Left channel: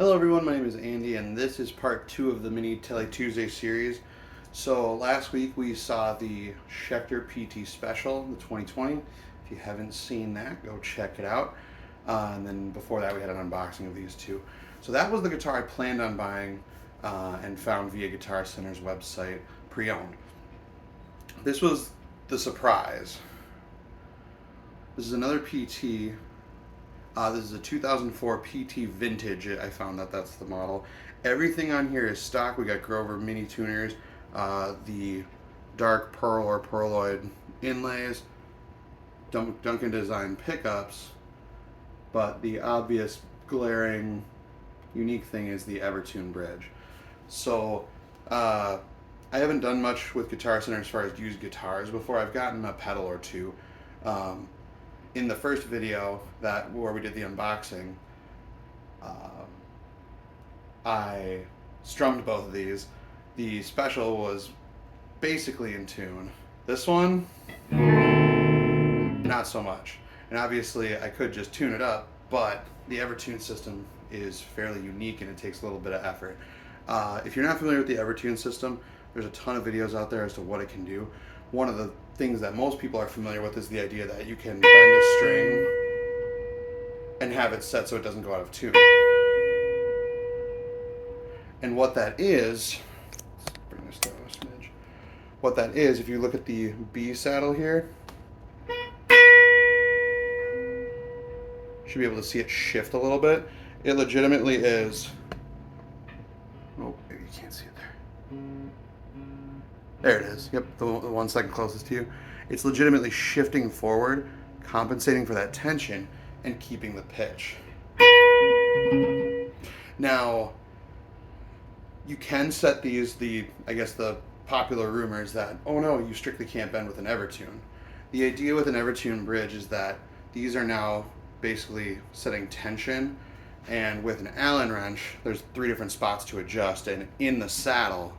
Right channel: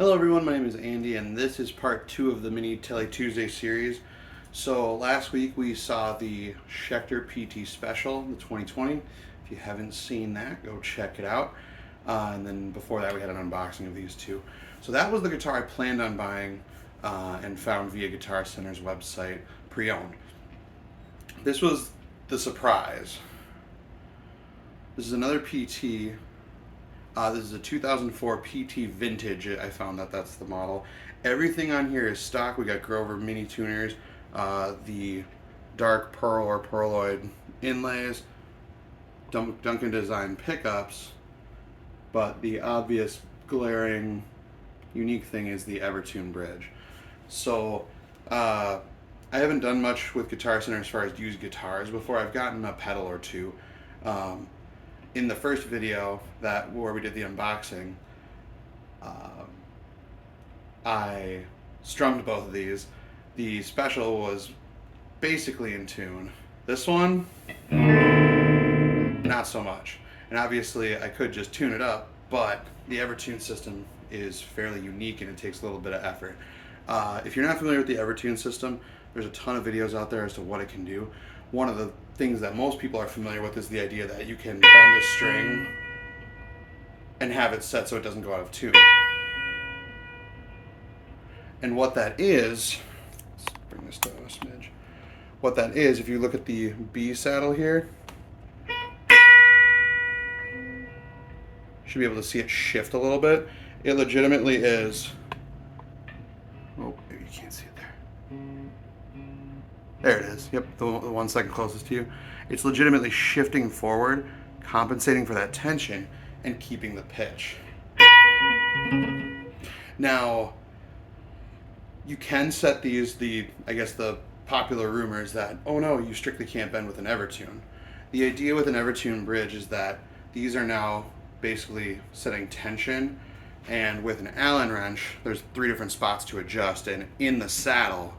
Hello everyone, my name is Andy and this is part 2 of the mini Tele Tuesday series. So last week we saw the Schecter PT Special, the 2020. If you haven't seen that, go check it out. And then before that we had an unboxing of these two. So that was the guitar I planned on buying and found via Guitar Center's website pre-owned. This was the surprise. This is another PT. This is a 2004 PT Vintage. I found that that's the model. Everything on here is stock. We got Grover mini tuners, the dark pearl or pearloid inlays, Duncan design pickups, but the obvious glaring unique thing is the Evertune bridge. So I haven't done much with Guitar Center as far as used guitars before. I've gotten a pedal or two. In the first video where we did the unboxing, I strummed both of these. The special was basically in tune. This one, not so much. And obviously I could just tune it up, but the Evertune system is fairly unique and it takes a little bit of effort. If you're not familiar with the Evertune system, there's a ton of videos out there as to what it can do. One of the things that most people are familiar with is the idea that you can bend a string and have it set so it doesn't go out of tune. And what that is, let's bring this down a smidge. What that is, if you look at the B saddle here, you should be able to see it shift a little bit. It legitimately is, oh, maybe you can't see it there. There it is. Yep, the 1 second closest to you. It's legitimately shifting forward, compensating for that tension, and keeping the pitch. Now, you can set these, I guess the popular rumor is that, oh no, you strictly can't bend with an Evertune. The idea with an Evertune bridge is that these are now basically setting tension, and with an Allen wrench, there's 3 different spots to adjust, and in the saddle,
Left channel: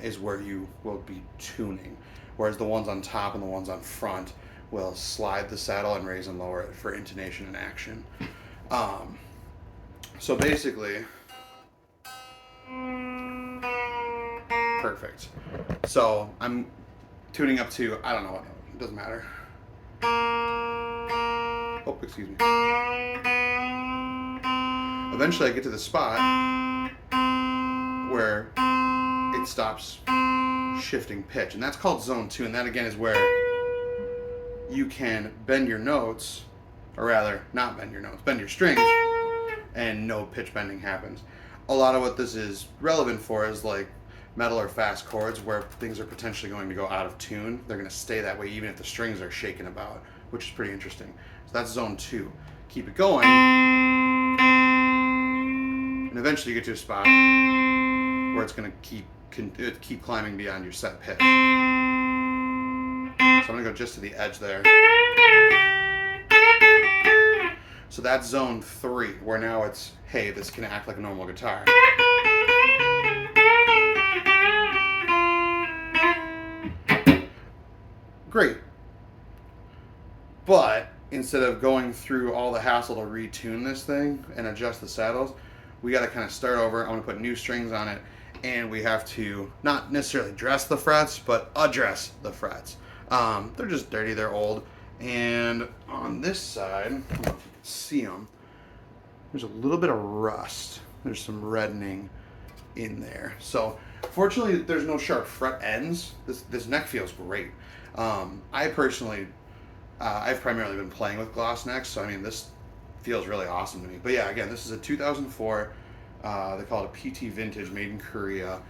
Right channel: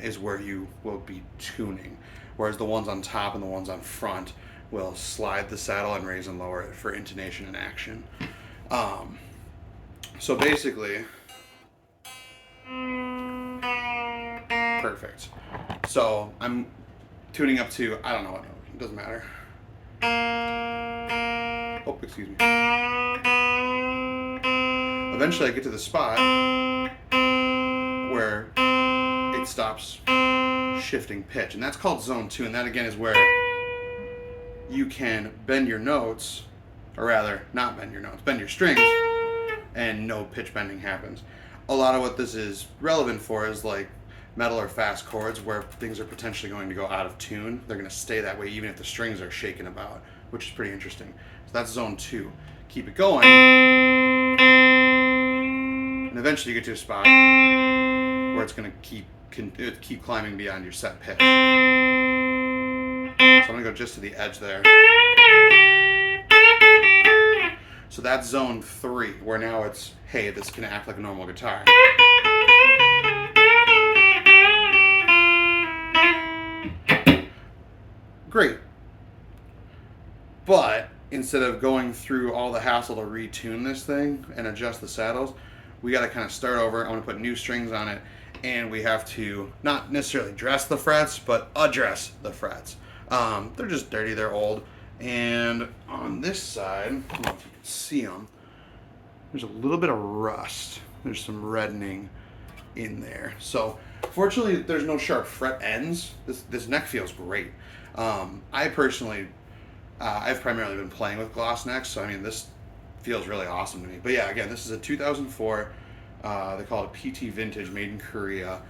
is where you will be tuning, whereas the ones on top and the ones on front will slide the saddle and raise and lower it for intonation and action. So basically, perfect. So I'm tuning up to, I don't know what note, it doesn't matter. Oh, excuse me. Eventually I get to the spot where it stops shifting pitch, and that's called zone 2, and that again is where you can bend your notes, or rather not bend your notes, bend your strings, and no pitch bending happens. A lot of what this is relevant for is like metal or fast chords where things are potentially going to go out of tune. They're going to stay that way even if the strings are shaking about, which is pretty interesting. So that's zone 2. Keep it going, and eventually you get to a spot where it's going to keep climbing beyond your set pitch. So I'm going to go just to the edge there. So that's zone 3, where now it's, hey, this can act like a normal guitar. Great. But instead of going through all the hassle to retune this thing and adjust the saddles, we got to kind of start over. I want to put new strings on it, and we have to not necessarily dress the frets, but address the frets. They're just dirty, they're old. And on this side, I don't know if you can see them, there's a little bit of rust. There's some reddening in there. So fortunately, there's no sharp fret ends. This neck feels great. I personally, I've primarily been playing with gloss necks, so I mean, this feels really awesome to me. But yeah, again, this is a 2004, they call it a PT Vintage, made in Korea,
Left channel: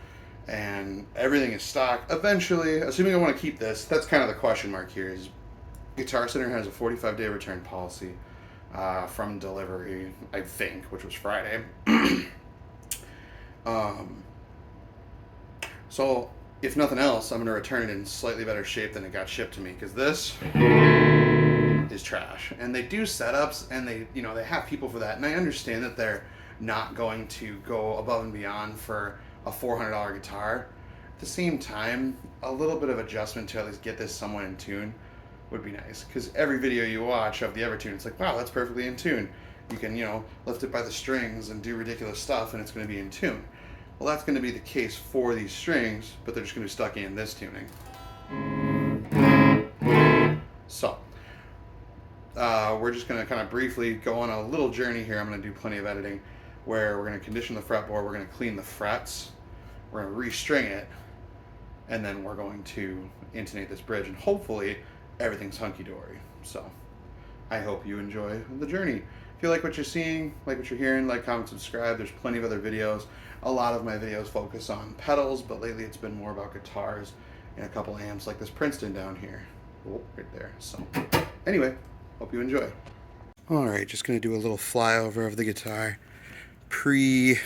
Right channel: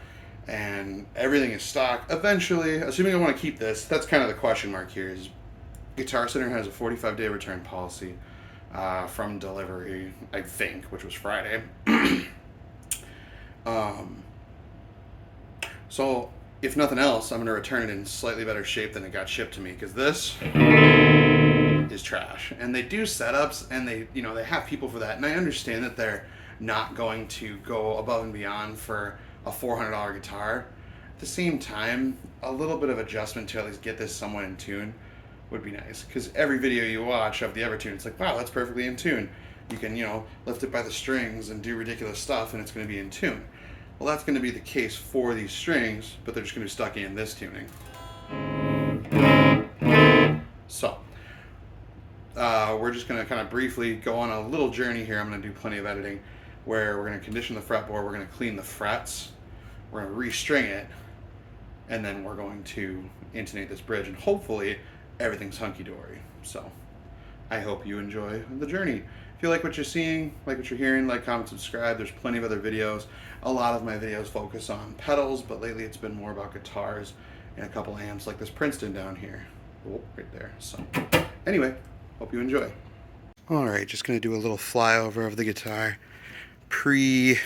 and everything is stock. Eventually, assuming I want to keep this, that's kind of the question mark here, is Guitar Center has a 45-day return policy from delivery, I think, which was Friday. So if nothing else, I'm going to return it in slightly better shape than it got shipped to me, because this is trash. And they do setups, and they have people for that, and I understand that they're not going to go above and beyond for a $400 guitar. At the same time, a little bit of adjustment to at least get this somewhat in tune would be nice, because every video you watch of the Evertune, it's like, wow, that's perfectly in tune. You can, lift it by the strings and do ridiculous stuff and it's going to be in tune. Well, that's going to be the case for these strings, but they're just going to be stuck in this tuning. So, we're just going to kind of briefly go on a little journey here. I'm going to do plenty of editing where we're going to condition the fretboard, we're going to clean the frets, we're going to restring it, and then we're going to intonate this bridge, and hopefully everything's hunky-dory. So I hope you enjoy the journey. If you like what you're seeing, like what you're hearing, like, comment, subscribe. There's plenty of other videos. A lot of my videos focus on pedals, but lately it's been more about guitars and a couple amps like this Princeton down here. Oh, right there. So anyway, hope you enjoy. All right, just gonna do a little flyover of the guitar pre-work.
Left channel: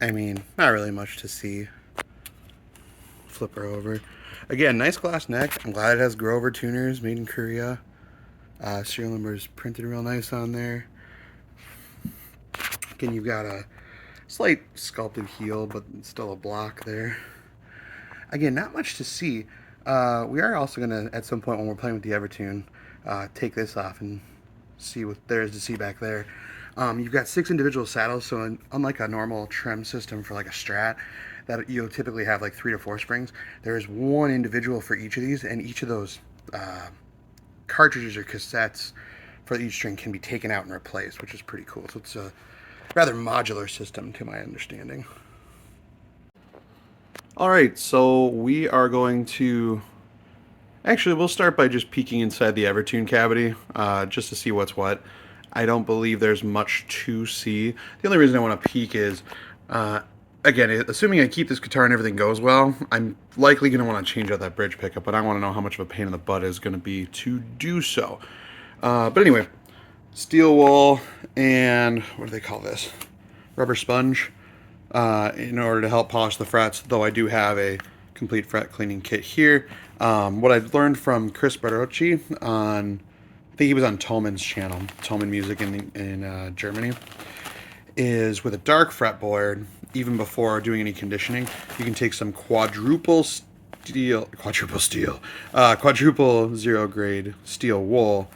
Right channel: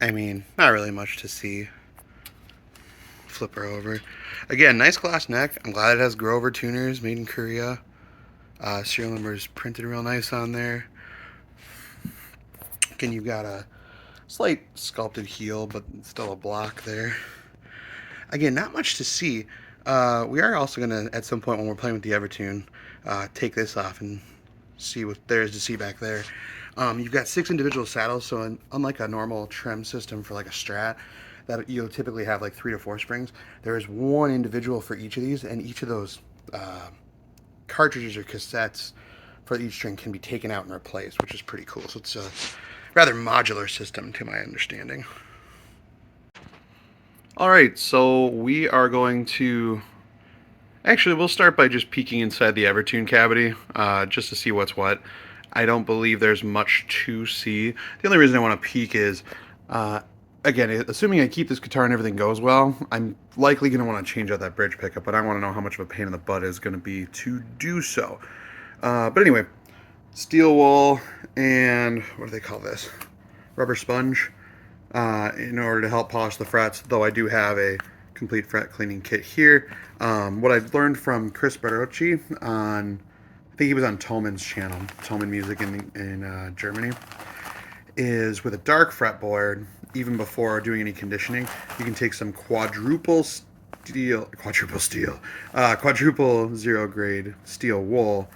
I mean, not really much to see. Flip her over. Again, nice glass neck. I'm glad it has Grover tuners, made in Korea. Serial number is printed real nice on there. Again, you've got a slight sculpted heel, but still a block there. Again, not much to see. We are also going to, at some point when we're playing with the Evertune, take this off and see what there is to see back there. You've got 6 individual saddles, so unlike a normal trem system for like a Strat, that you'll typically have like 3 to 4 springs, there is one individual for each of these, and each of those cartridges or cassettes for each string can be taken out and replaced, which is pretty cool. So it's a rather modular system to my understanding. All right, so we are going to, actually we'll start by just peeking inside the Evertune cavity just to see what's what. I don't believe there's much to see. The only reason I want to peek is, again, assuming I keep this guitar and everything goes well, I'm likely going to want to change out that bridge pickup, but I want to know how much of a pain in the butt it's going to be to do so. But anyway, steel wool and, what do they call this? Rubber sponge in order to help polish the frets, though I do have a complete fret cleaning kit here. What I've learned from Chris Barocci on, I think he was on Thoman's channel, Thoman Music in Germany, is with a dark fretboard, even before doing any conditioning, you can take some quadruple zero grade steel wool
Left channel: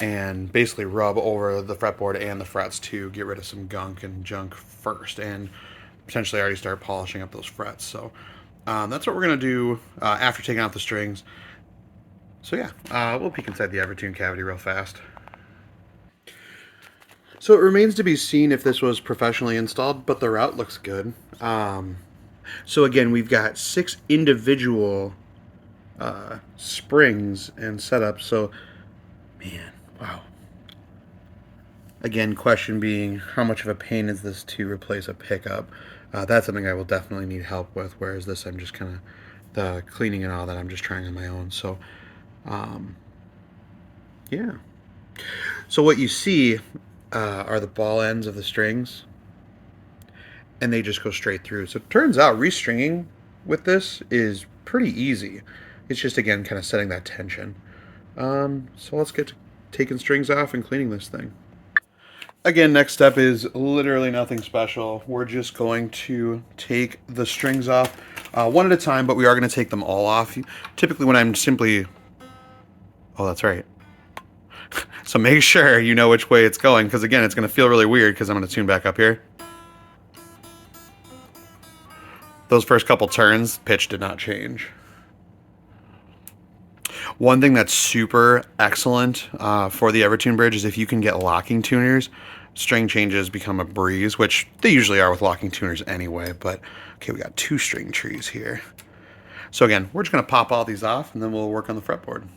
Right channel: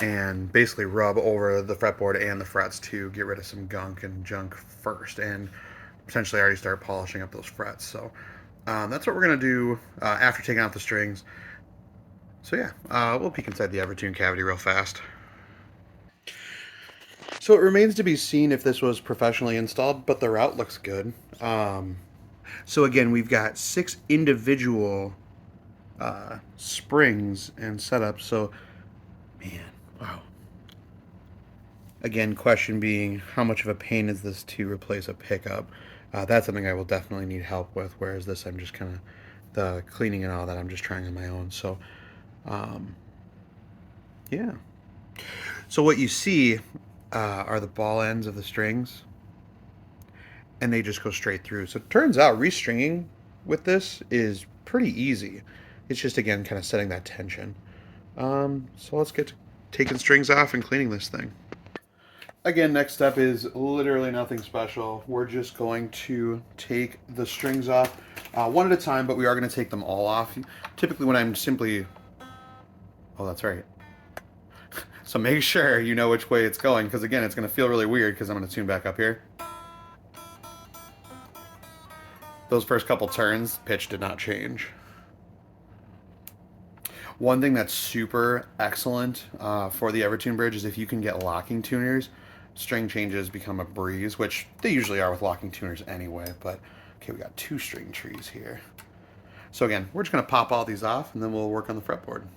and basically rub over the fretboard and the frets to get rid of some gunk and junk first, and potentially already start polishing up those frets. So that's what we're going to do after taking out the strings. So yeah, we'll peek inside the Evertune cavity real fast. So it remains to be seen if this was professionally installed, but the route looks good. So again, we've got 6 individual springs and setups. So, man, wow. Again, question being, how much of a pain is this to replace a pickup? That's something I will definitely need help with, whereas this, I'm just kind of, the cleaning and all that, I'm just trying on my own. So, yeah. So what you see are the ball ends of the strings, and they just go straight through. So it turns out restringing with this is pretty easy. It's just, again, kind of setting that tension. So let's get to taking strings off and cleaning this thing. Again, next step is literally nothing special. We're just going to take the strings off one at a time, but we are going to take them all off. Typically when I'm simply... Oh, that's right. So make sure you know which way it's going, because again, it's going to feel really weird because I'm going to tune back up here. Those first couple turns, pitch did not change. One thing that's super excellent for the Evertune bridge is if you can get locking tuners, string changes become a breeze, which they usually are with locking tuners anyway. But okay, we got 2 string trees here. So again, we're just going to pop all these off and then we'll work on the fretboard.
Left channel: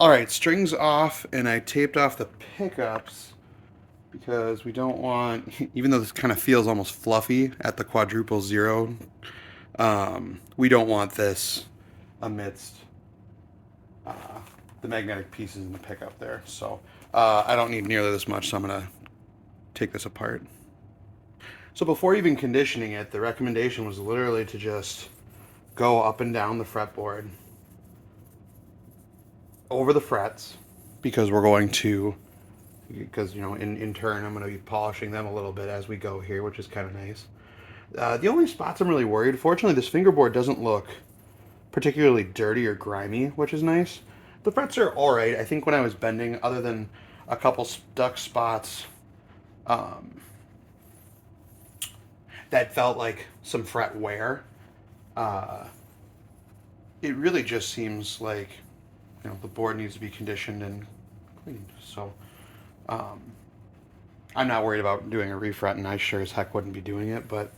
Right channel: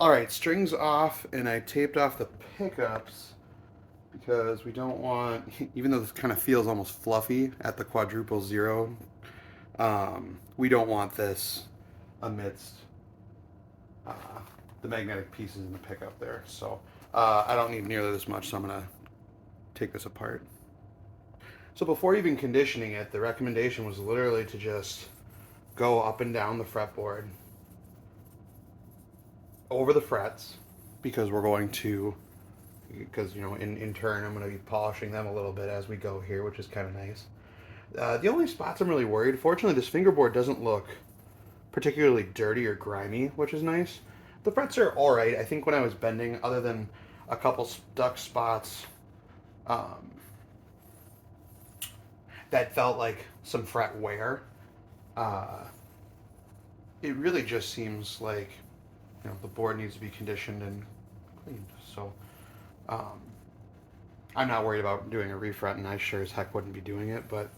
All right, strings off, and I taped off the pickups because we don't want, even though this kind of feels almost fluffy at the quadruple zero, we don't want this amidst the magnetic pieces in the pickup there. So I don't need nearly this much, so I'm gonna take this apart. So before even conditioning it, the recommendation was literally to just go up and down the fretboard over the frets, because we're going to, because in turn I'm going to be polishing them a little bit as we go here, which is kind of nice. The only spots I'm really worried, fortunately this fingerboard doesn't look particularly dirty or grimy, which is nice. The frets are alright. I think when I was bending, other than a couple stuck spots that felt like some fret wear. Uh, it really just seems like, you know, the board needs to be conditioned and cleaned. So um, I'm not worried about doing a refret, and I sure as heck wouldn't be doing it. But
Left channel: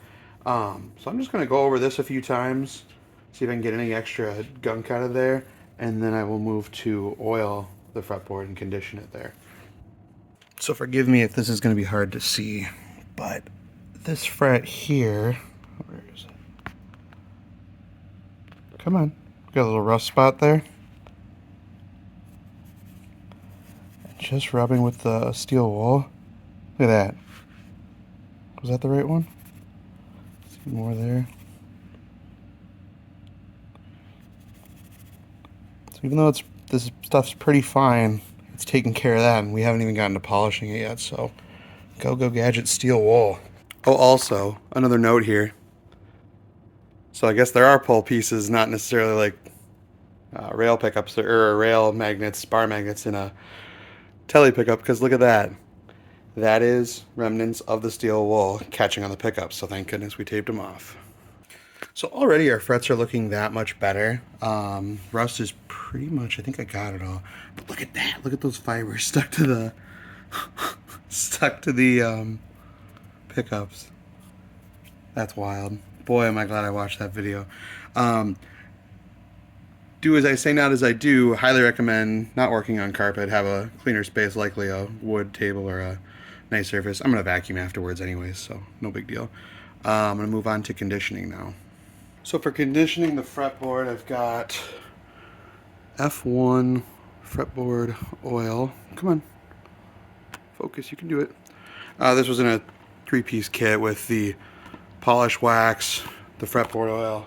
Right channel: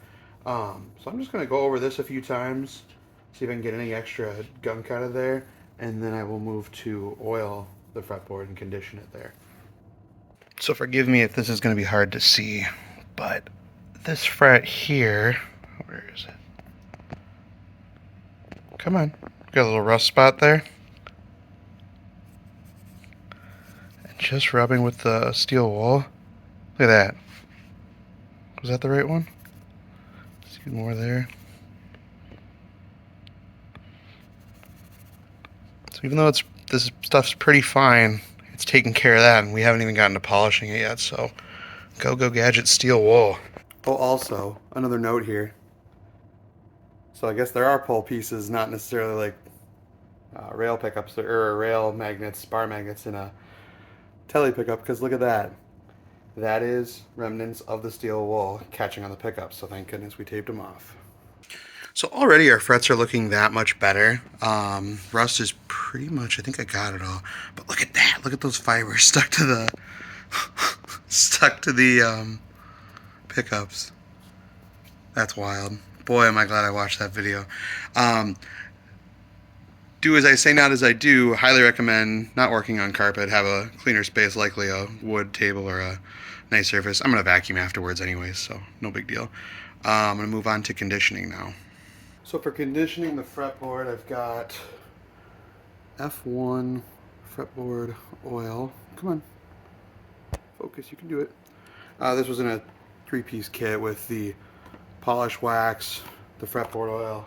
so I'm just going to go over this a few times, see if I can get any extra gunk out of there, and then I will move to oil the fretboard and condition it there. So forgive me if this is going to be hard to see, but this fret here, where is it? Come on, got a little rust spot there. And just rubbing with the steel wool. Look at that. Was that the right one? See more there. So even though this stuff's pretty fine, it's taking care of that, and we haven't even gotten to polishing it yet. So go Gadget steel wool. Oh, also another note here. So I guess there are pull pieces, not necessarily like rail pickups or rail magnets, bar magnets in a tele pickup, because look at that. That is remnants of the steel wool catching on the pickup, so thank goodness we taped them off. So already our frets are looking that much better. Rust is pretty much, I think I got it all. But look at that, look at those fibers stuck to the pickups. That's wild. Boy, am I glad I watched that video. Do as I say, not as I do. Highly recommend not working on carpet. Have a cleaner space, likely a wood table or a nice surface. I'm going to vacuum afterwards anyways, so no big deal. I'm going to move on to conditioning now. So for conditioning the fretboard, I've got F1 Fretboard Oil. Come on. Focus, you can do it. This was in a 3-piece kit with the polish wax, the fretboard oil,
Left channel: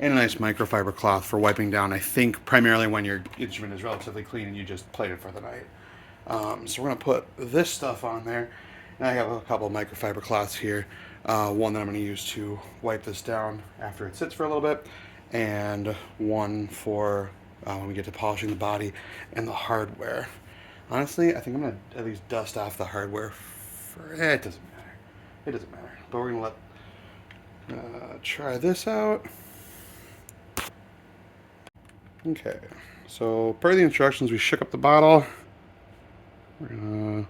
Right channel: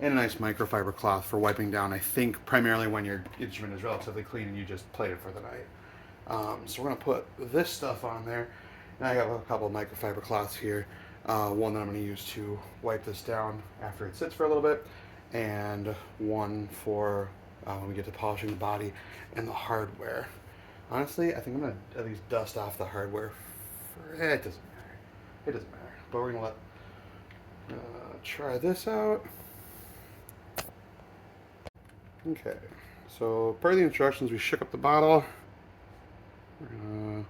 and a nice microfiber cloth for wiping down, I think, primarily when your instrument is relatively clean and you just played it for the night. So we're going to put this stuff on there, and I have a couple of microfiber cloths here. One that I'm going to use to wipe this down after it sits for a little bit, and one for when we get to polishing the body and the hardware. Honestly, I think I'm going to at least dust off the hardware. It doesn't matter. It doesn't matter. But we're going to let try this out. Okay, so per the instructions, we shook up the bottle. We're gonna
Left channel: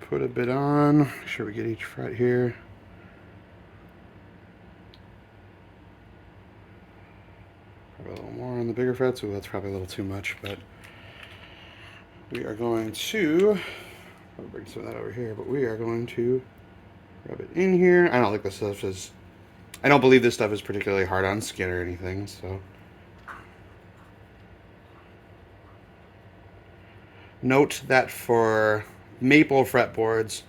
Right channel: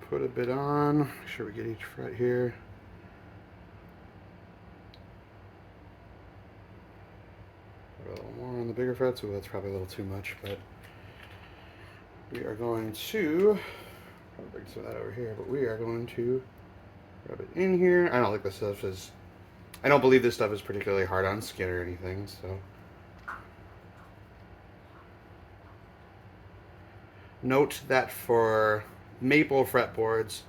put a bit on, make sure we get each fret here. Probably a little more on the bigger frets, so that's probably a little too much, but we are going to, probably bring some of that over here, but we are going to rub it in here. I don't think this stuff is, I don't believe this stuff is particularly hard on skin or anything, so. Note that for maple fretboards,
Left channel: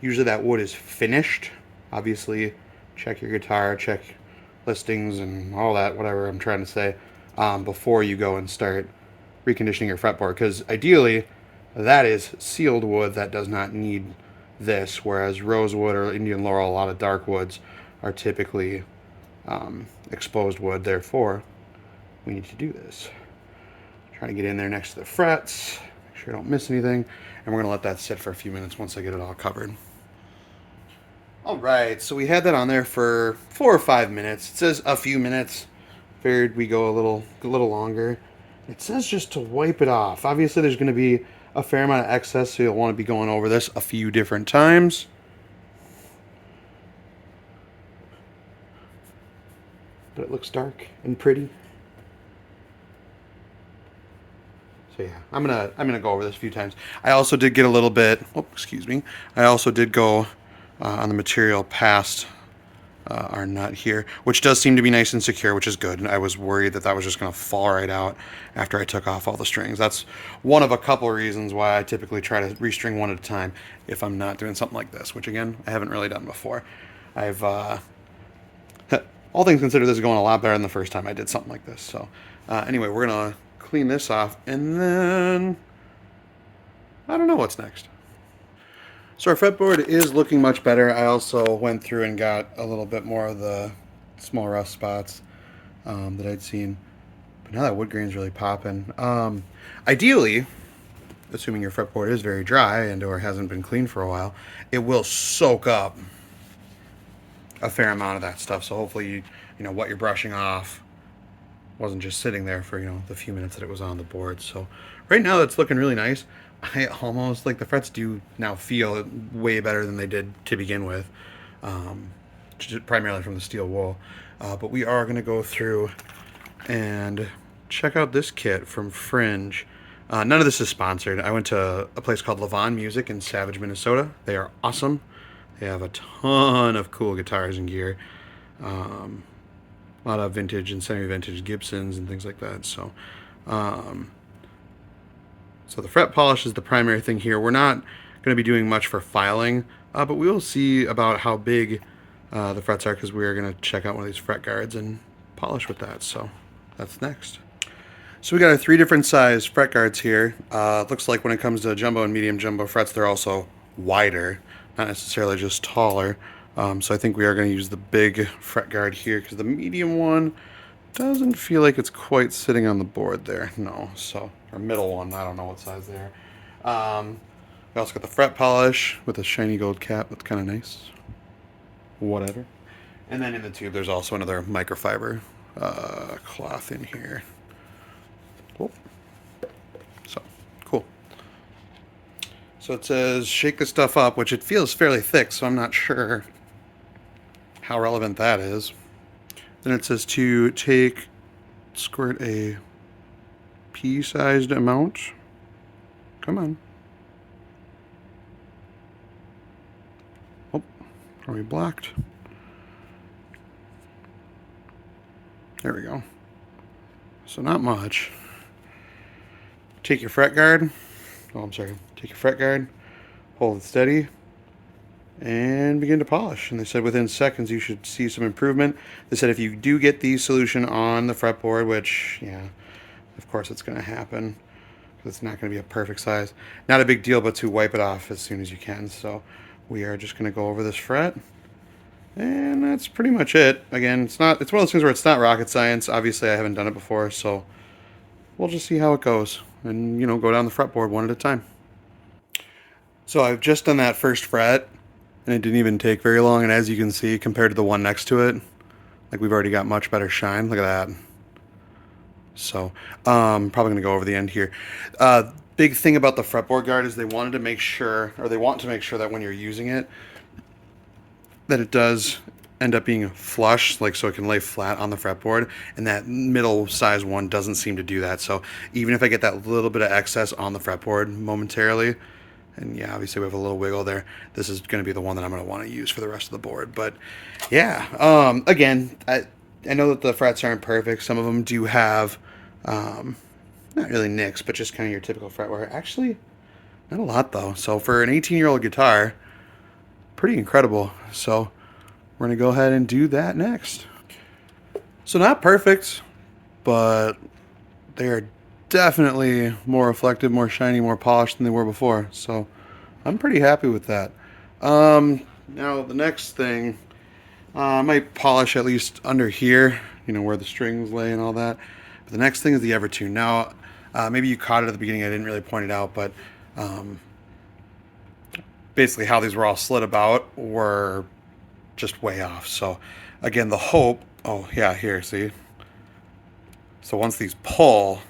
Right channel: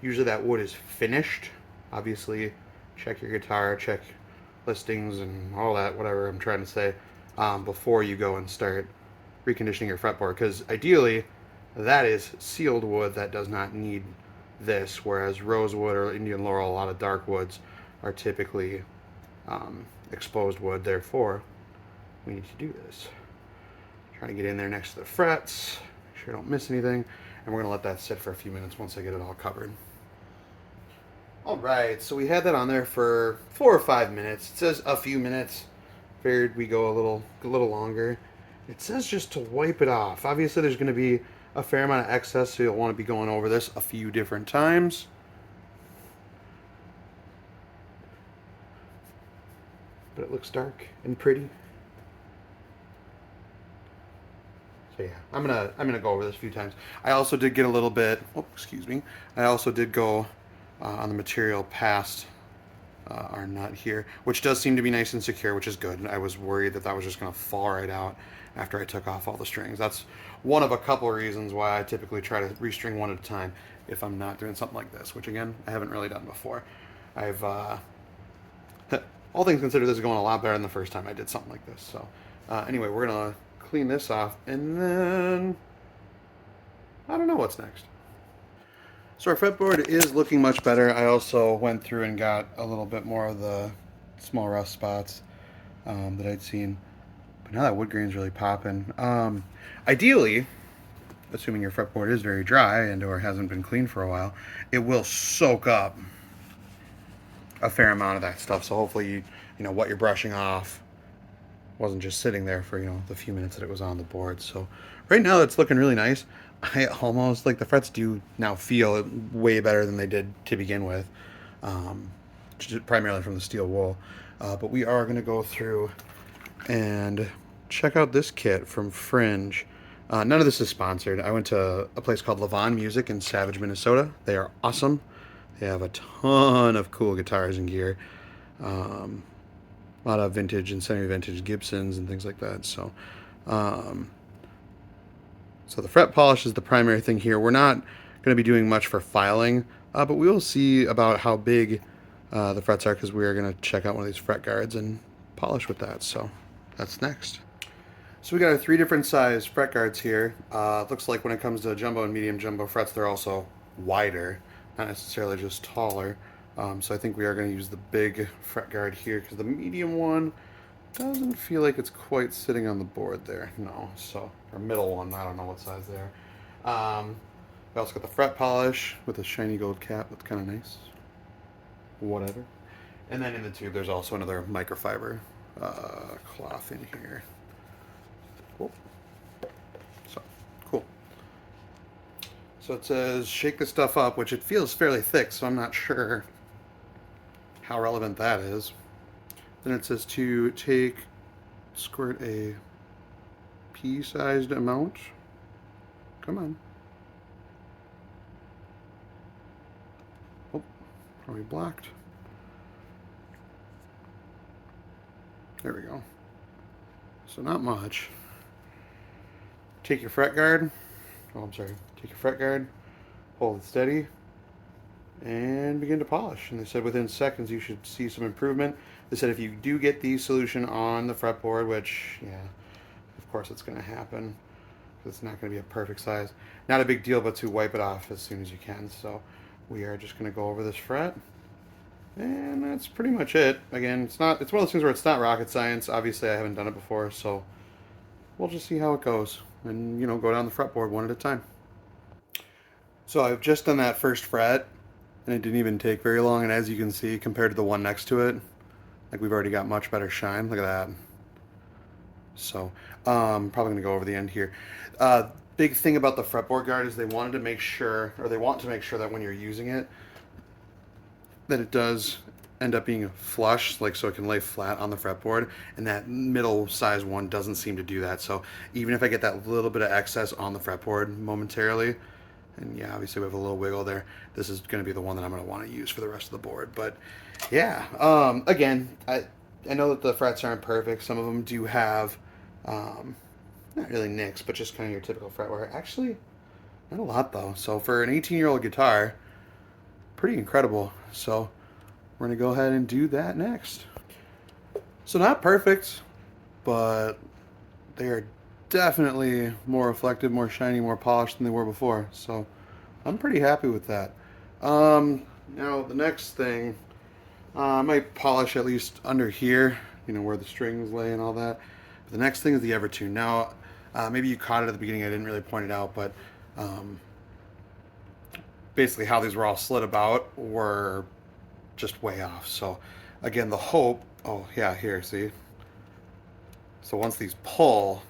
usually that wood is finished. Obviously, check your guitar, check listings and all that, whatever I'm trying to say, before you go and start reconditioning your fretboard, because ideally, that is sealed wood that does not need this, whereas rosewood or Indian laurel, a lot of dark woods, are typically exposed wood. Therefore, we need to do this. Trying to get in there next to the frets, make sure I don't miss anything, and we're going to let that sit for a few minutes once I get it all covered. Alright, so we had that on there for 4 or 5 minutes. It says a few minutes. Figured we go a little longer. It says just to wipe it off. Obviously there's going to be a fair amount of excess, so you'll want to be going over this a few different times. But it looks dark and pretty. So yeah, I'm gonna go over this a few times. I also did get a little bit. Oh, excuse me. I also did go on the material past our nut here, which does seem to be nice and secure, which is good. I was worried that that was just gonna fall right out after I took off all the strings. That's one of a couple reasons why I typically try to restring one at a time if I'm not doing something like this, which again I haven't really done before. I've all things considered, this is going a lot better than the first time I did something like this. So anyway, we're gonna clean this off, and then I don't know what's next. So our fretboard is looking much better. I also went through and got a little bit more of the small rust spots that I'd seen But now that wood grain's really popping. Ideally, assuming your fretboard is very dry and or hasn't been cleaned for a while, it will soak up a fair amount of that stuff. So hopefully, you know, what you're brushing off wasn't just sitting there for, you know, the few minutes that it was on the board. So right now that's looking really nice. I almost, like, the frets do now feel way better than they did to begin with, primarily from the steel wool. But we are going to go through and check out this kit from Fringe. None of this is sponsored. I went to a place called Levon Music in Savage, Minnesota. They are awesome. They have a ton of cool guitars and gear. A lot of vintage and semi-vintage Gibsons and things like that. So, so the fret polish is the primary thing here. We're not going to be doing much for filing, but we will see about how big the frets are, because we are going to check out one of these fret guards and polish with that. So that's next. So we got our 3 different size fret guards here. Looks like when it comes to jumbo and medium jumbo frets, they're also wider, not necessarily just taller. So I think we are going to use the big fret guard here, because the medium one doesn't feel like it's quite sitting on the board there. No, so, or middle one, I don't know what size they are. We also got the fret polish with a shiny gold cap. That's kind of nice. Whatever. And then in the tube, there's also another microfiber cloth in here. Cool. So, cool. So it says shake the stuff up, which it feels fairly thick, so I'm not sure how relevant that is. Then it says to squirt a pea-sized amount. Come on. Oh, probably blocked. There we go. So not much. Take your fret guard. Oh, I'm sorry. Take your fret guard, hold it steady, and begin to polish. And they said within seconds you should see some improvement. They said if you do get the solution on the fretboard, which, yeah, of course it's going to happen, because it's not going to be a perfect size. Not a big deal, but to wipe it off as soon as you can. So we are just going to go over this fret, and that's pretty much it. Again, it's one of those things where it's not rocket science. Obviously I haven't done it before, so we'll just see how it goes, and, you know, go down the fretboard one at a time. So I've just done that first fret, and it didn't even take very long, and as you can see, compared to the one next to it, like, we've already got much better shine. Look at that. So probably going to go over the end here. Big thing about the Fretboard Guard is they want to make sure that when you're using it, that it does end up being flush, like, so it can lay flat on the fretboard, and that middle size one doesn't seem to do that. So even if I get that little bit of excess on the fretboard momentarily, and yeah, obviously we have a little wiggle there, this is going to be the one that I'm going to want to use for the rest of the board. But yeah, again, I know that the frets aren't perfect. Some of them do have not really nicks, but just kind of your typical fret wear. Actually, not a lot though. So for an 18-year-old guitar, pretty incredible. So we're going to go ahead and do that next. So not perfect, but they are definitely more reflective, more shiny, more polished than they were before. So I'm pretty happy with that. Now the next thing, I might polish at least under here, you know, where the strings lay and all that. But the next thing is the Evertune. Now, maybe you caught it at the beginning. I didn't really point it out, but basically how these were all slid about were just way off. So again, the hope, oh yeah, here, see? So once these pull,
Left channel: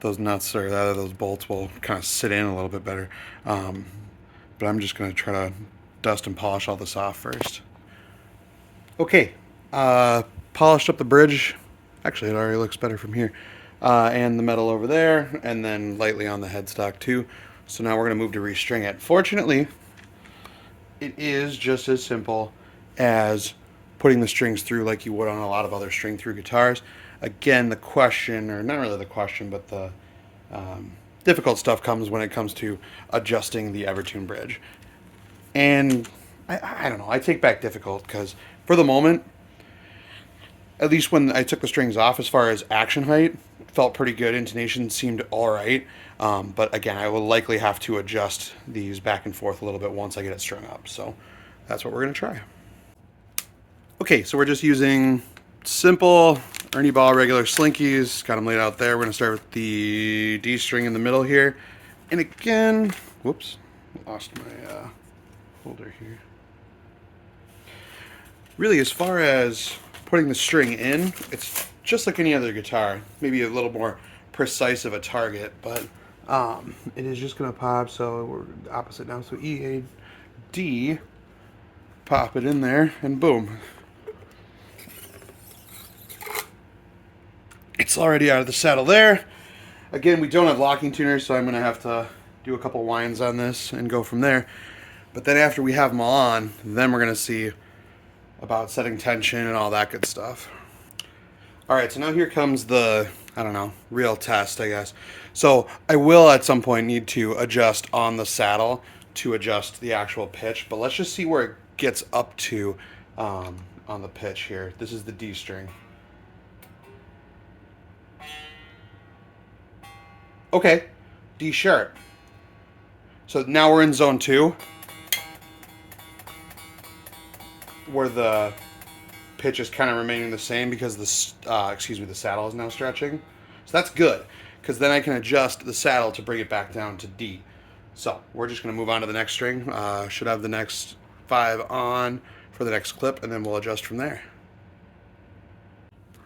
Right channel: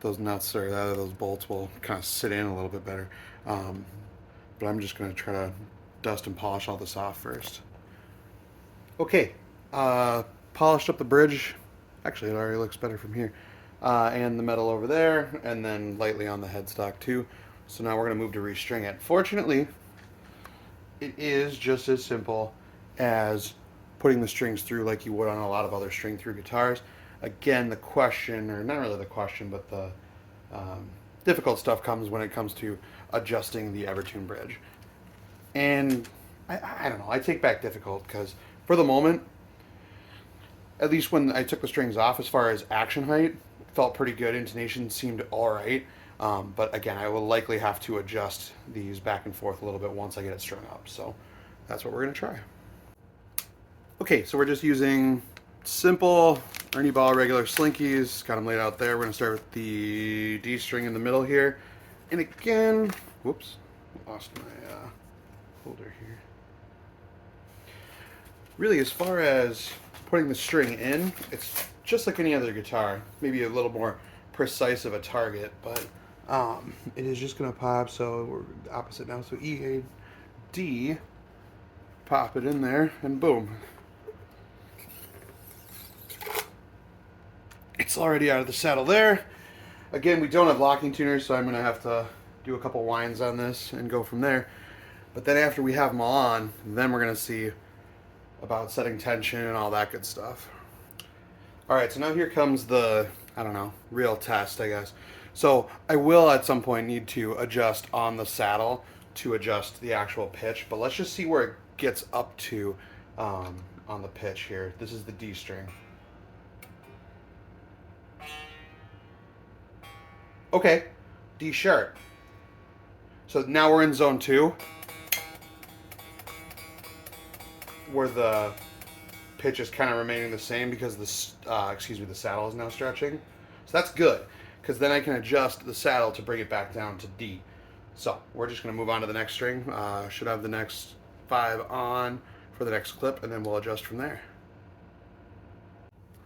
those nuts or those bolts will kind of sit in a little bit better. But I'm just going to try to dust and polish all this off first. Okay, polished up the bridge. Actually, it already looks better from here. And the metal over there, and then lightly on the headstock too. So now we're going to move to restring it. Fortunately, it is just as simple as putting the strings through like you would on a lot of other string through guitars. Again, the question, or not really the question, but the difficult stuff comes when it comes to adjusting the Evertune bridge. And I don't know, I take back difficult, because for the moment, at least when I took the strings off, as far as action height, it felt pretty good. Intonation seemed all right. But again, I will likely have to adjust these back and forth a little bit once I get it strung up. So that's what we're going to try. Okay, so we're just using simple Ernie Ball regular slinkies, got them laid out there. We're gonna start with the D string in the middle here. And again, whoops, lost my holder here. Really, as far as putting the string in, it's just like any other guitar. Maybe a little more precise of a target, but it is just gonna pop, so we're opposite now. So E, A, D, pop it in there, and boom. It's already out of the saddle there. Again, we don't have locking tuners, so I'm gonna have to do a couple winds on this and go from there. But then after we have them all on, then we're gonna see about setting tension and all that good stuff. All right, so now here comes the, I don't know, real test, I guess. So I will at some point need to adjust on the saddle to adjust the actual pitch, but let's just see where it gets up to on the pitch here. This is the D string. Okay, D sharp. So now we're in zone 2, where the pitch is kind of remaining the same because the saddle is now stretching. So that's good, because then I can adjust the saddle to bring it back down to D. So we're just going to move on to the next string. Should have the next 5 on for the next clip, and then we'll adjust from there.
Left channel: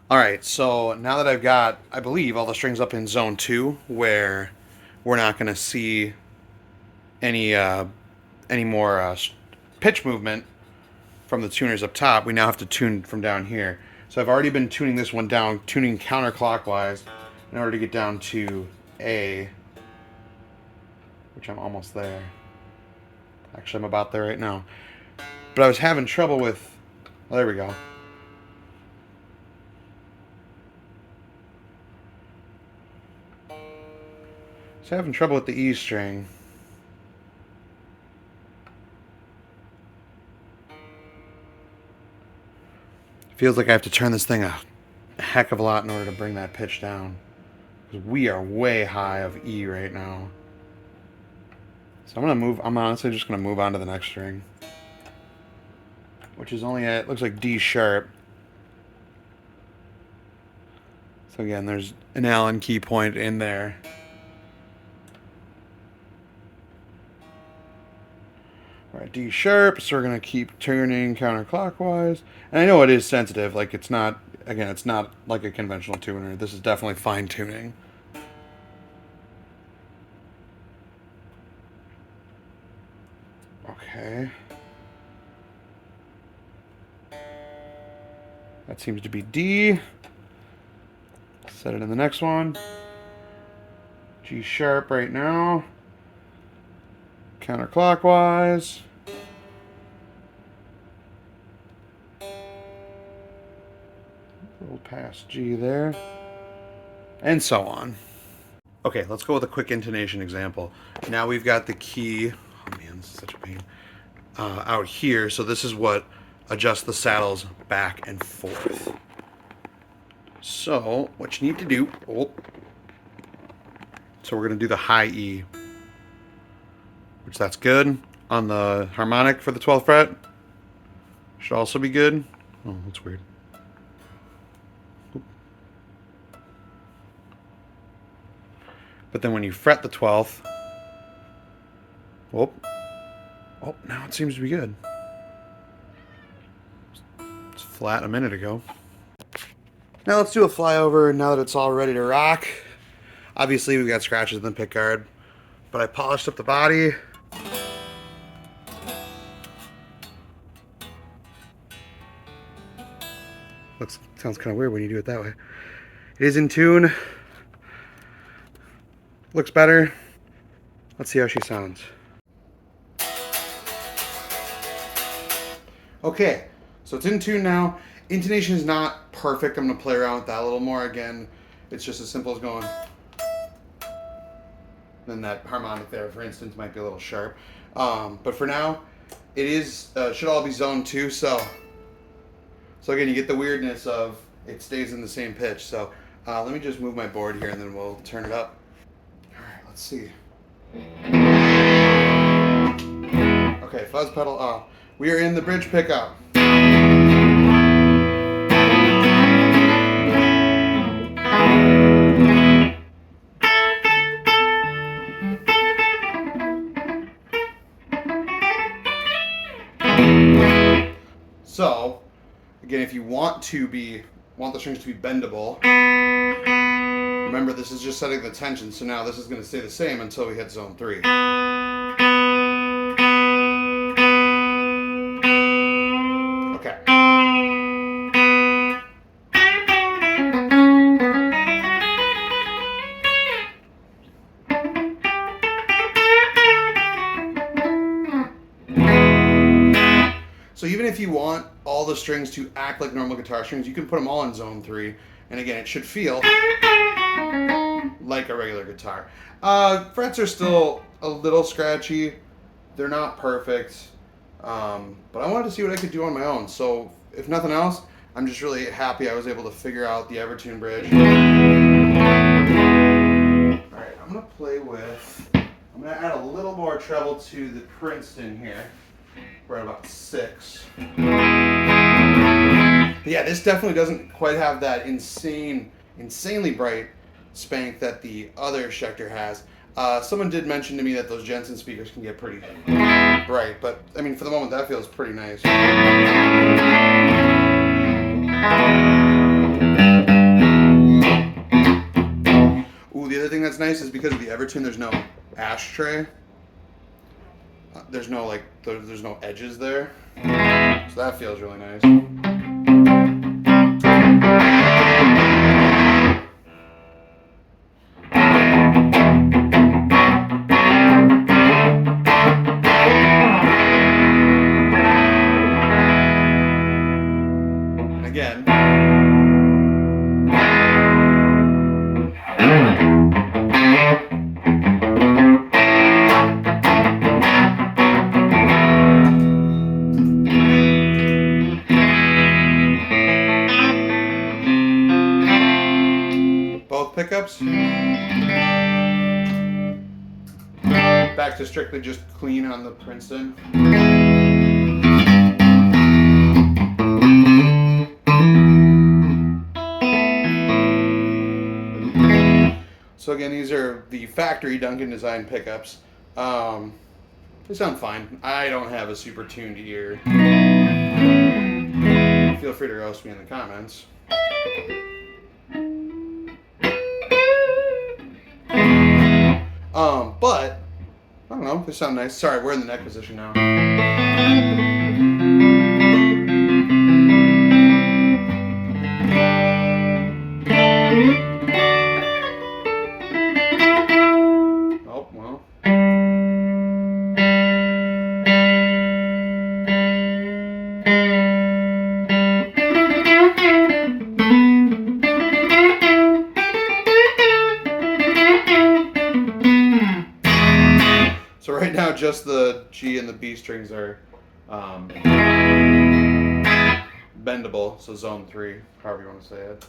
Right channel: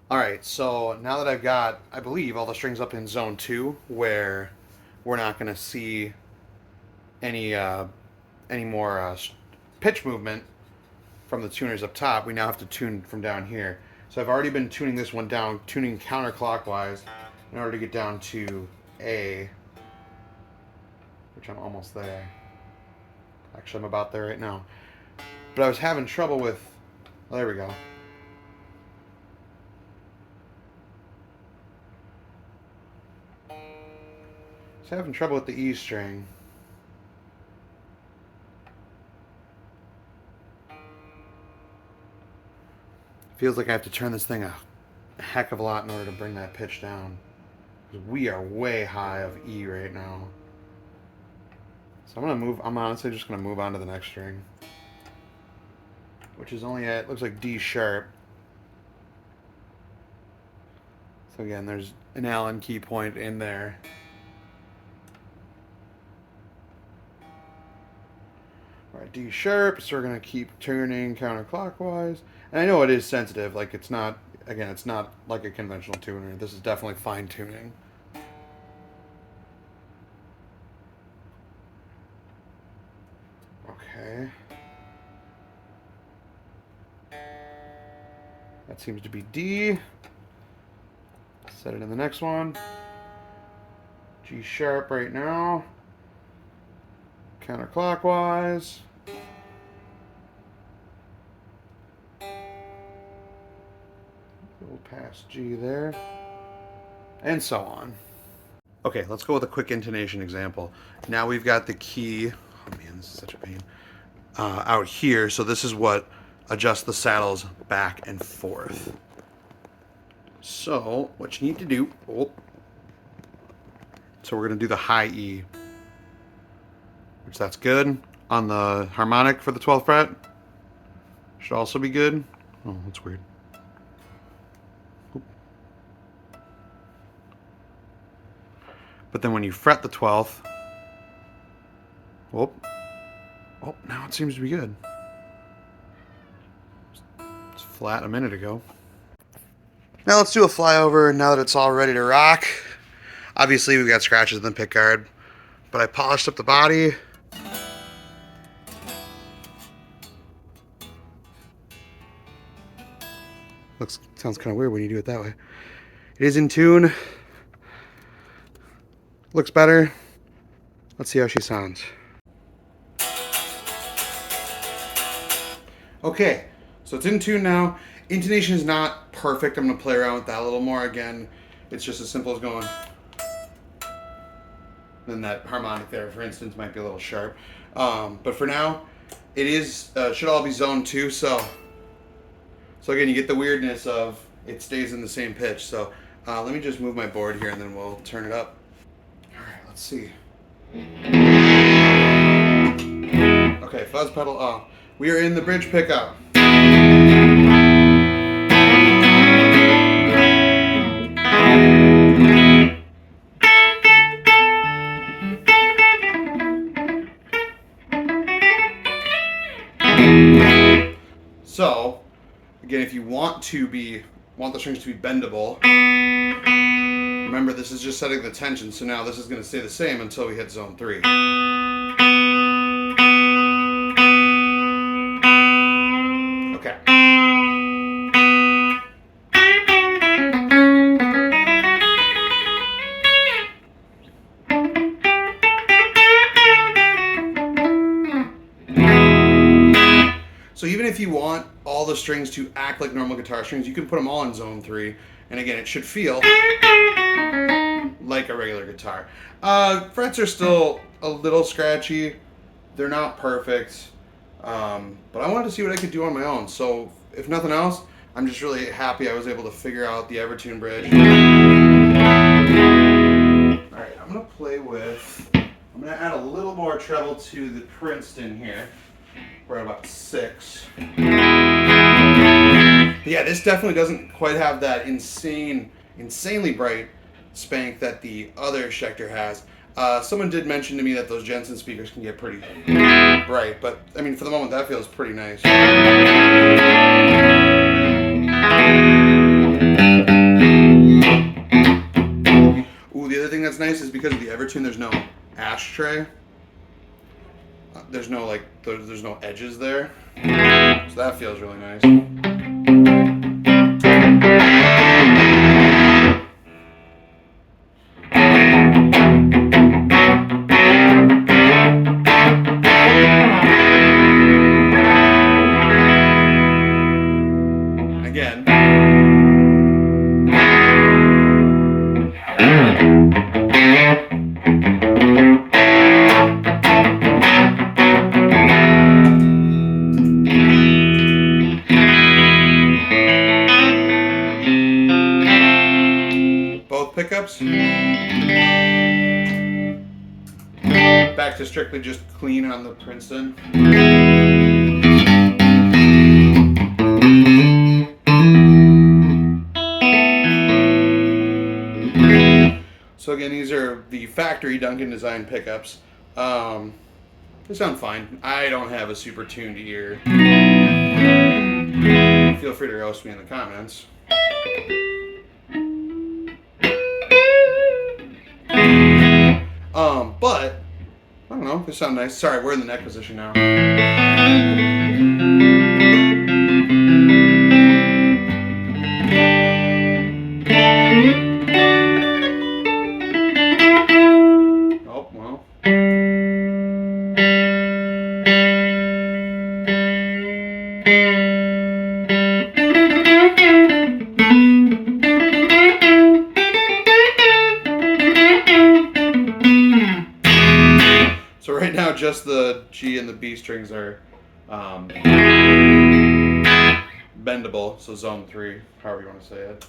All right, so now that I've got, I believe, all the strings up in zone 2, where we're not going to see any more pitch movement from the tuners up top, we now have to tune from down here. So I've already been tuning this one down, tuning counterclockwise in order to get down to A, which I'm almost there. Actually, I'm about there right now. But I was having trouble with, oh, there we go. So having trouble with the E string. Feels like I have to turn this thing a heck of a lot in order to bring that pitch down. We are way high of E right now. So I'm honestly just gonna move on to the next string, which is only it looks like D sharp. So again, there's an Allen key point in there. All right, D sharp, so we're gonna keep turning counterclockwise. And I know it is sensitive, like it's not like a conventional tuner. This is definitely fine tuning. Okay. That seems to be D. Set it in the next one. G sharp right now. Counterclockwise. Go past G there. And so on. Okay, let's go with a quick intonation example. Now we've got the key, oh man, this is such a pain, out here. So this is what adjusts the saddles back and forth. So what you need to do, so we're gonna do the high E, which that's good. On the harmonic for the 12th fret, should also be good. Oh, that's weird. But then when you fret the 12th, now it seems to be good. It's flat a minute ago. Now let's do a flyover now that it's all ready to rock. Obviously we've got scratches in the pick guard, but I polished up the body. Sounds kind of weird when you do it that way. It is in tune. Looks better. Let's see how she sounds. Okay, so it's in tune now. Intonation is not perfect. I'm gonna play around with that a little more. Again, it's just as simple as going. Then that harmonic there, for instance, might be a little sharp. But for now, it is should all be zone 2. So again, you get the weirdness of it stays in the same pitch. So let me just move my board here and then we'll turn it up. All right, let's see. Okay, fuzz pedal off. We are in the bridge pickup. So, again, if you want the strings to be bendable, remember this is just setting the tension, so now this is going to stay the same until we hit zone 3. Okay. So even if you want all the strings to act like normal guitar strings, you can put them all in zone 3. And again, it should feel like a regular guitar. Frets are still a little scratchy. They're not perfect. But I wanted to see what I could do on my own. So if nothing else, I'm just really happy I was able to figure out the Evertune bridge. Alright, I'm going to add a little more treble to the Princeton here. We're at about 6. But yeah, this definitely doesn't quite have that insanely bright spank that the other Schecter has. Someone did mention to me that those Jensen speakers can get pretty bright, but I mean, for the moment, that feels pretty nice. Ooh, the other thing that's nice is because of the Evertune, there's no ashtray. There's no there's no edges there, so that feels really nice. And again. Pickups. Back to strictly just clean on the Princeton. So again, these are the factory Duncan design pickups. They sound fine. I don't have a super tuned ear. Feel free to roast me in the comments. But I don't know, they sound nice. Sorry, we're in the neck position now. Oh, well. So right now, just the G and the B strings are bendable, so zone 3, however you want to say it.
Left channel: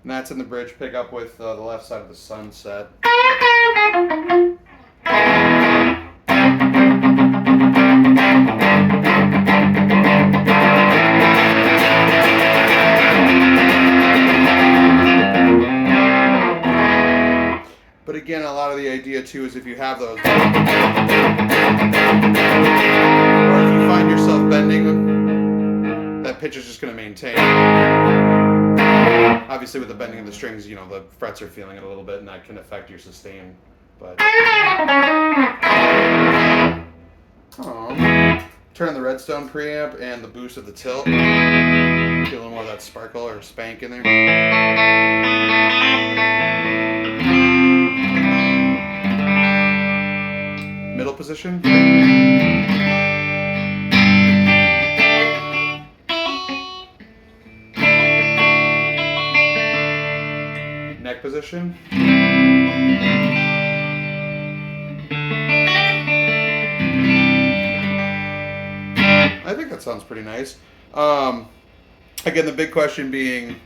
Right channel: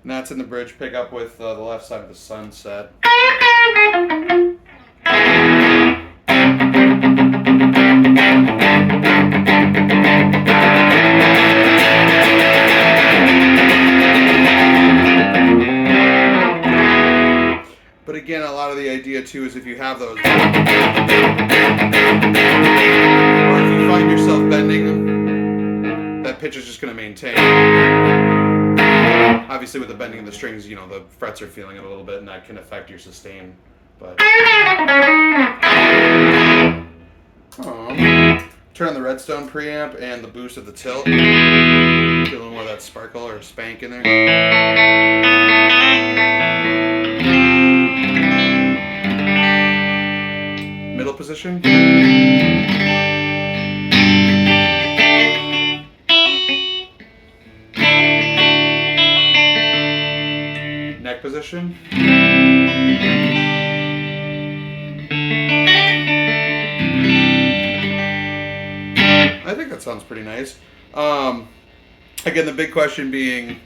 And that's in the bridge pickup with the left side of the sunset. But again, a lot of the idea too is if you have those, or if you find yourself bending, that pitch is just going to maintain. Obviously with the bending of the strings, you know, the frets are feeling it a little bit and that can affect your sustain. But turn on the Redstone preamp and the boost of the tilt. Feel a little more of that sparkle or spank in there. Middle position. Neck position. I think that sounds pretty nice. Again, the big question being,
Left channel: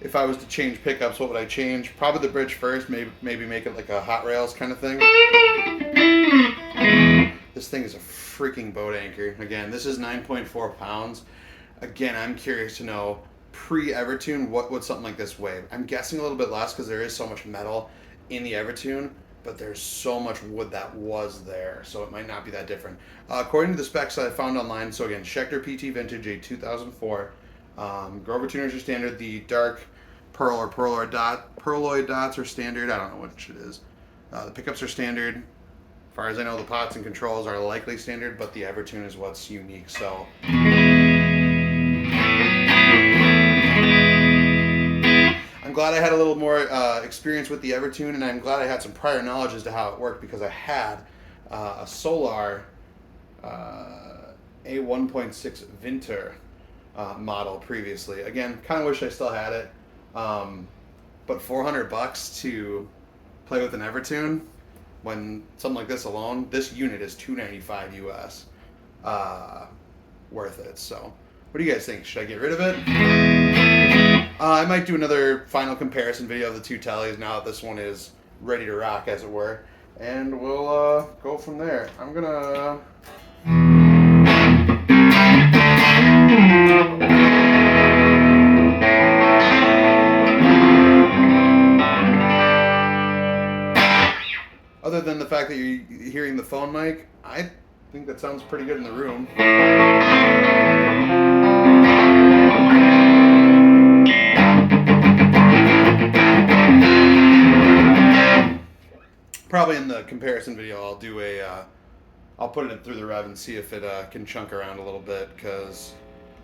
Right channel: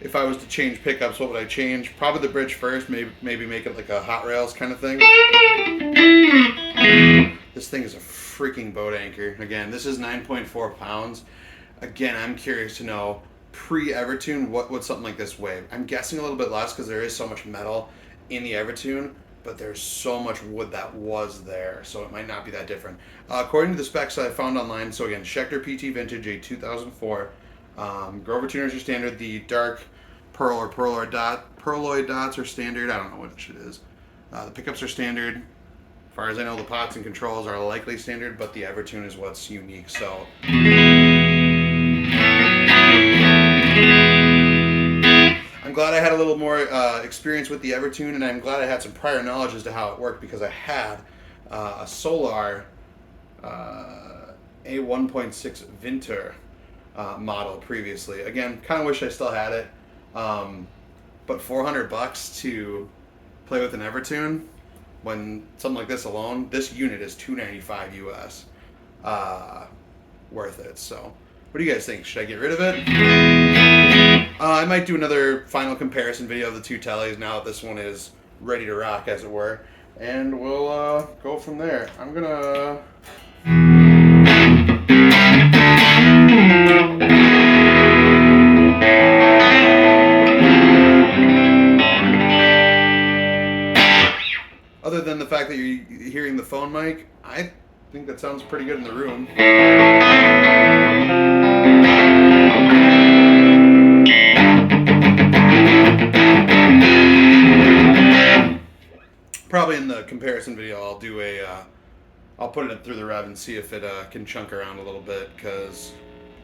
if I was to change pickups, what would I change? Probably the bridge first, maybe make it like a Hot Rails kind of thing. This thing is a freaking boat anchor. Again, this is 9.4 pounds. Again, I'm curious to know pre-Evertune, what would something like this weigh? I'm guessing a little bit less because there is so much metal in the Evertune, but there's so much wood that was there, so it might not be that different. According to the specs that I found online, so again, Schecter PT Vintage, a 2004. Grover tuners are standard. The dark pearl or pearloid dots are standard. I don't know which it is. The pickups are standard. As far as I know, the pots and controls are likely standard, but the Evertune is what's unique. So I'm glad I had a little more experience with the Evertune, and I'm glad I had some prior knowledge as to how it worked, because I had a Solar a 1.6 Vinter model previously. Again, kind of wish I still had it, but $400 to play with an Evertune, when something like this alone, this unit is $295 US, worth it. So, what do you guys think? Should I get rid of it? I might do another final comparison video of the two tellies now that this one is ready to rock, as it were, and we'll go from there. I'm gonna other than the fact that you're hearing the phone mic, I think that sounds pretty good in the room. Probably in the comparison video, I'll do I'll put it through the rev and see if it can chunk around a little bit, because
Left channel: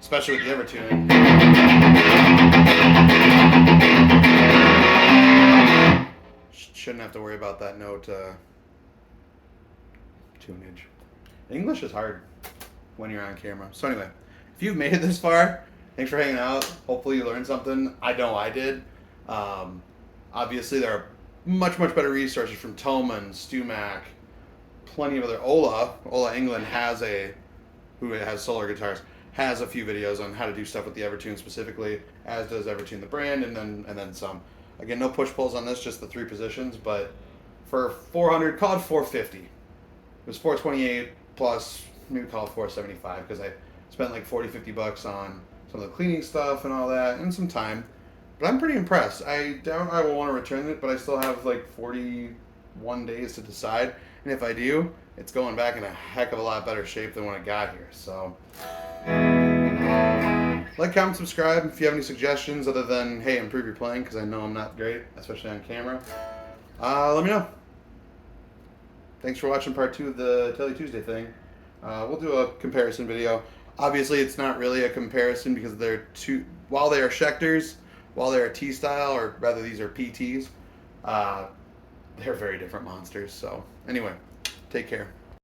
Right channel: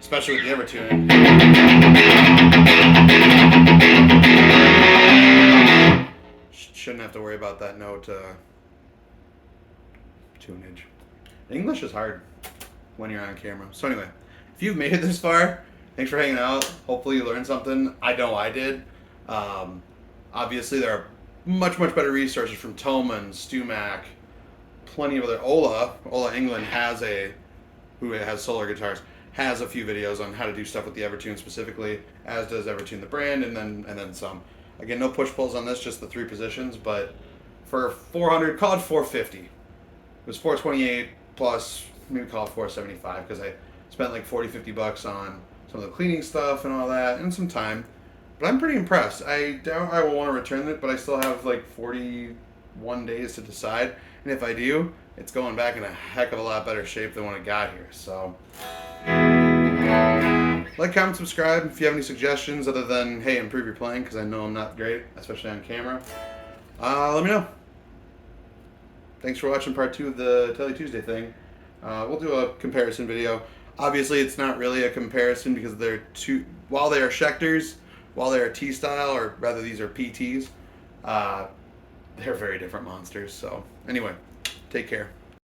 especially with the Evertune, shouldn't have to worry about that note tunage. English is hard when you're on camera. So anyway, if you've made it this far, thanks for hanging out. Hopefully you learned something. I know I did. Obviously there are much better resources from Thomann, Stumac, plenty of other. Ola England who has solar guitars, has a few videos on how to do stuff with the Evertune specifically, as does Evertune the brand, and then some. Again, no push pulls on this, just the 3 positions, but for 400, call it 450. It was 428 plus, maybe call it 475, because I spent like $40-50 on some of the cleaning stuff and all that, and some time. But I'm pretty impressed. I doubt I will want to return it, but I still have like 41 days to decide. And if I do, it's going back in a heck of a lot better shape than when I got here. So, like, comment, subscribe if you have any suggestions other than, hey, improve your playing, because I know I'm not great, especially on camera. Let me know. Thanks for watching part 2 of the Tele Tuesday thing. We'll do a comparison video. Obviously, it's not really a comparison because they're while they are Schecters, while they are T-style, or rather these are PTs, they're very different monsters. So anyway, take care.